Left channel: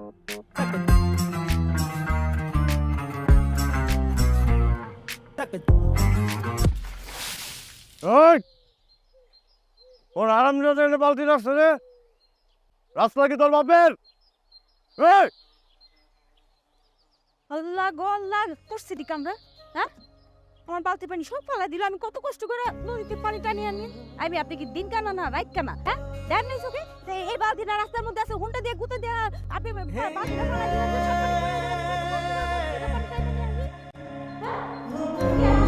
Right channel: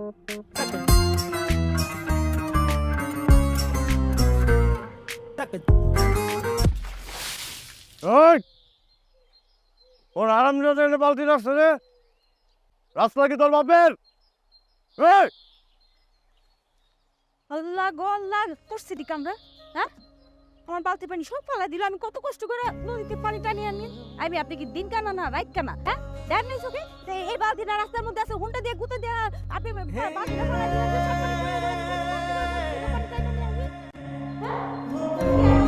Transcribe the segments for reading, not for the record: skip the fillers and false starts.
ওর আরাম বালতি রাখছে রে, রাস্তা কি তোর বাপের? আল্লাহ গো আল্লাহ, করছে দি কামরা। হ্যাঁ, আমার বালতি পানি সব ফেলা দিল। আমি কত কষ্ট করে নদীতে পানি টানি আনি। আপনি কি দিন কানা না রাত কানা? হ্যাঁ, দেন নাই চোখে এই বালতিটা রাস্তার মধ্যে আছে, হুন্ডা দিয়ে গুঁতে দিয়ে আপনি বালতিটা ফেলা দিলেন, সব পানি পড়ে গেল। পানি টানি আনি আমি। হ্যাঁ, কি আর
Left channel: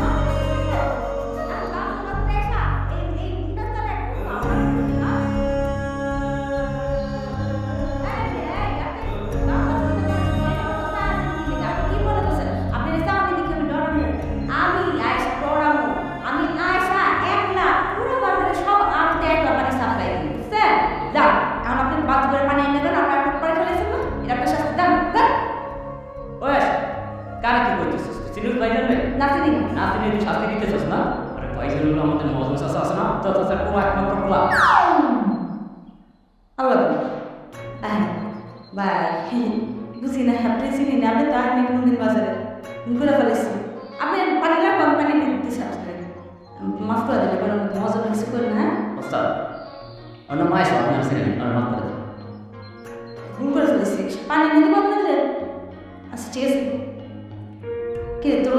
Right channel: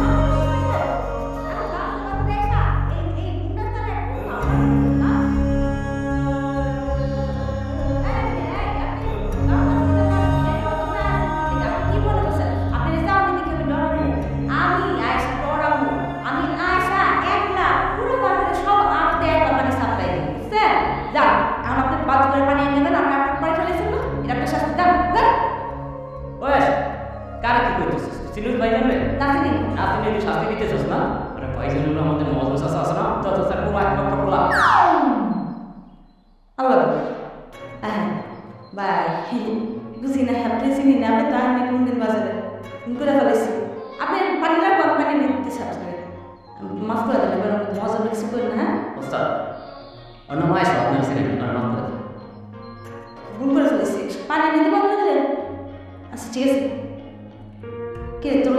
কারা কি করতেছিস? চিনুস ভাইজান রে? নাতিনি নাতিনি তুই শাস্তি দিতেছিস না? আরে ভাইজান হলো আমাদের মজনু চাচা আছে না? তো চাচা পুরো একমাত্র পোলা। আল্লাহ হ্যাঁ ভাই, বুঝি না, আপনি চিনি না, আপনি তো আসেন কোনদিন বাজারে করে ফেলেছি। আপনি পানি লাগবে, আমি পানি নিয়ে দিতে চাচ্ছি, মাফ করে দেবেন, এবার মজা কিছু করেন না। হ্যাঁ ওস্তাদ অন্য মায়ের সব আপনার চিনেন, আর মাফ করে দেন। ভুল করে ফেলেছি, পানি নিতে পারবো না দিলে। আচ্ছা ঠিক আছে, কে তোর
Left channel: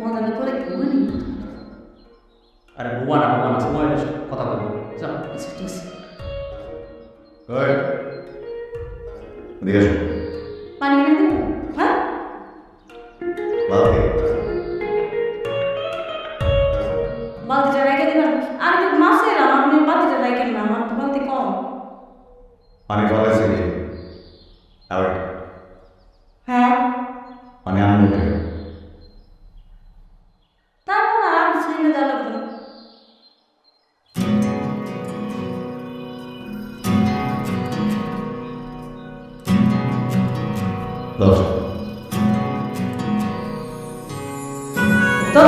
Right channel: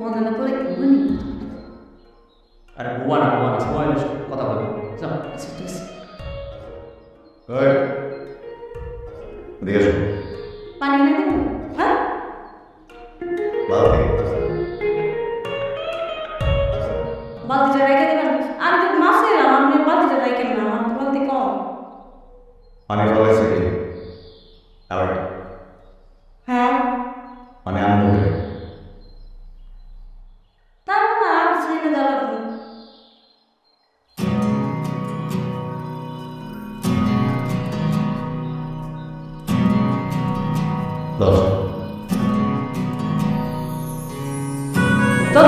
মজা না পরে কেউ নি? আরে বুয়া না সময় কথা বলবো। আচ্ছা ঠিক আছে, এদিকে আসো। পানি কিনে দেবো। হ্যাঁ বালতি বালতিটা রেখে দেবেন। আমি তো মাছ এলাম, আপনি বালতিটা রেখেন না, আমার তো বালতি কম। পানি ফলাইছে কি? আবার হ্যাঁ পানি আনবো কে? তারপর না আমি ছেড়ে দেওয়া লাগবে না। দশ তো